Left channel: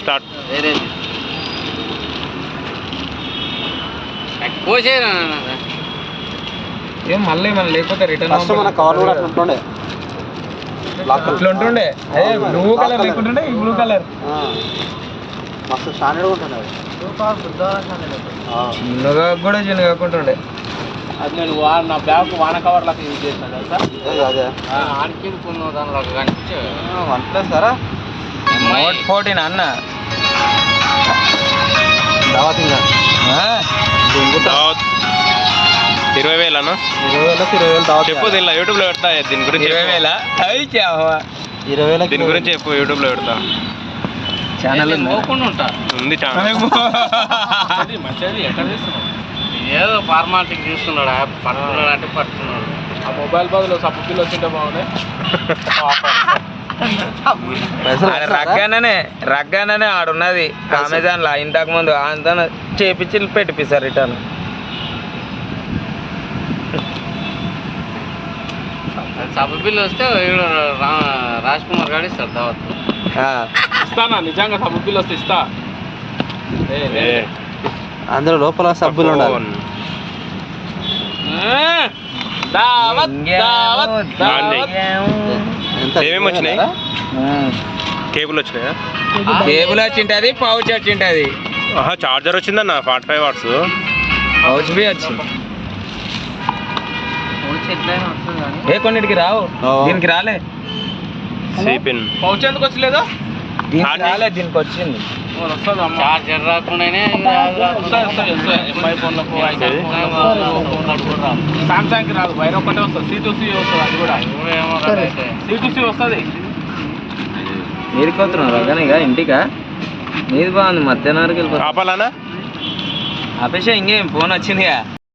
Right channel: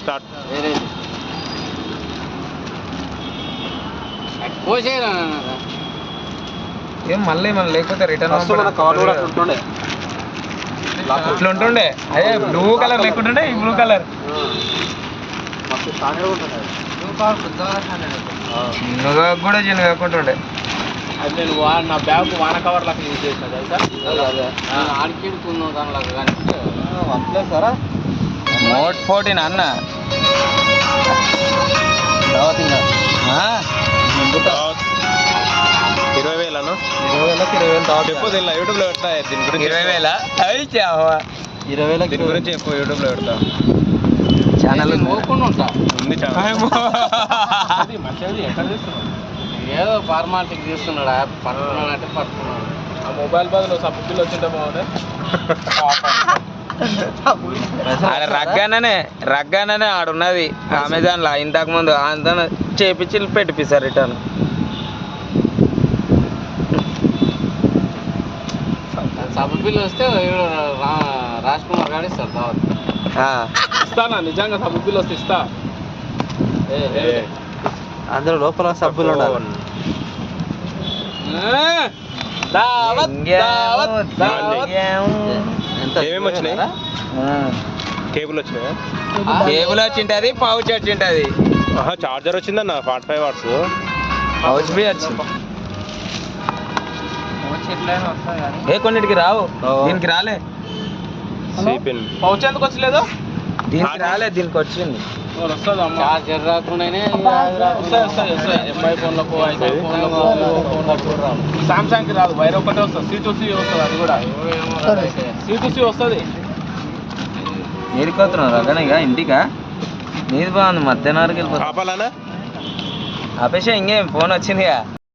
Start. ఏం మళ్ళీ మనం లేకపోతే రిటర్న్ ఇట్లా ఉంటుండే. అదే బ్లూ కలర్ లేకుంటుండే, ఈ బ్లూ కలర్ చిన్నగా కూడా చిన్న కాకుంటుండే. అది నేను నా బ్యాగ్ వాన కవర్ లాగా యూజ్ చేసిన తెలుసా. వన్ సరా నోట్ 14 అన్న. దావత్ 20,000 అన్న. 20,000 చెప్పు. దీనిలో యూట్యూబ్లో పెడతా దీని గురించి. 20,000 దీని గురించి చెప్పు. యూట్యూబ్లో పెడతా. ఛానల్ ఉంది ఛానల్. మంచిది. ఎక్కడ చేస్తున్నావు? ఏదో ఫార్మాలిటీకి చూస్తున్నాడు. యాప్ పట్టుకున్నాడు అంటే పట్టుకున్నాడు. ఆ మొబైల్ బదులు సబ్బు బిల్లు వచ్చింటే బాగుండే. రగ్గాననే ఆడున్నది అమెజాన్లో ఇంతకు ముందు. అంతా చేపించి పెట్టిపిస్తారు రిటర్న్. సబ్బు బిల్లు వస్తే రాజ్ కుమార్ గారు ఇస్తారు దావత్. ఇస్తానా నిజంగా సబ్బు బిల్లు వస్తే ఇస్తా. అందులో లోపల సబ్బులు ఉండాలి. ఏమేమి వచ్చినాయి? కేబుల్ వచ్చినాయా? కేబుల్ వచ్చింటది, పౌచ్ వచ్చింటది. చార్జర్ వచ్చిందన్న 45 వాట్స్. పౌచ్ బి వచ్చింది. ఏ కొన్నిటికి రావు, దీనికి రాలే. పౌచ్ ఎందుకు వచ్చలేదు? దీనికి రాలే, దీనికి వచ్చింది. చార్జర్ రాకుండానే ఎంఐ ఫోన్లకు, ఐఫోన్ ఫోన్లకు, సామ్సంగ్కి రాదు. వైర్ ఒక్కటే వస్తుంది. C2C వస్తుంది. అది కూడా C2C వస్తుంది. నీరికి వస్తున్నావు అర్థం ఇక ఇంటికా? నీది బాగుంది. మధ్యాహ్నం వరకు ఆపాలనా? ఆపేసా. ఇంకేం ఫోన్ వచ్చిందిగా.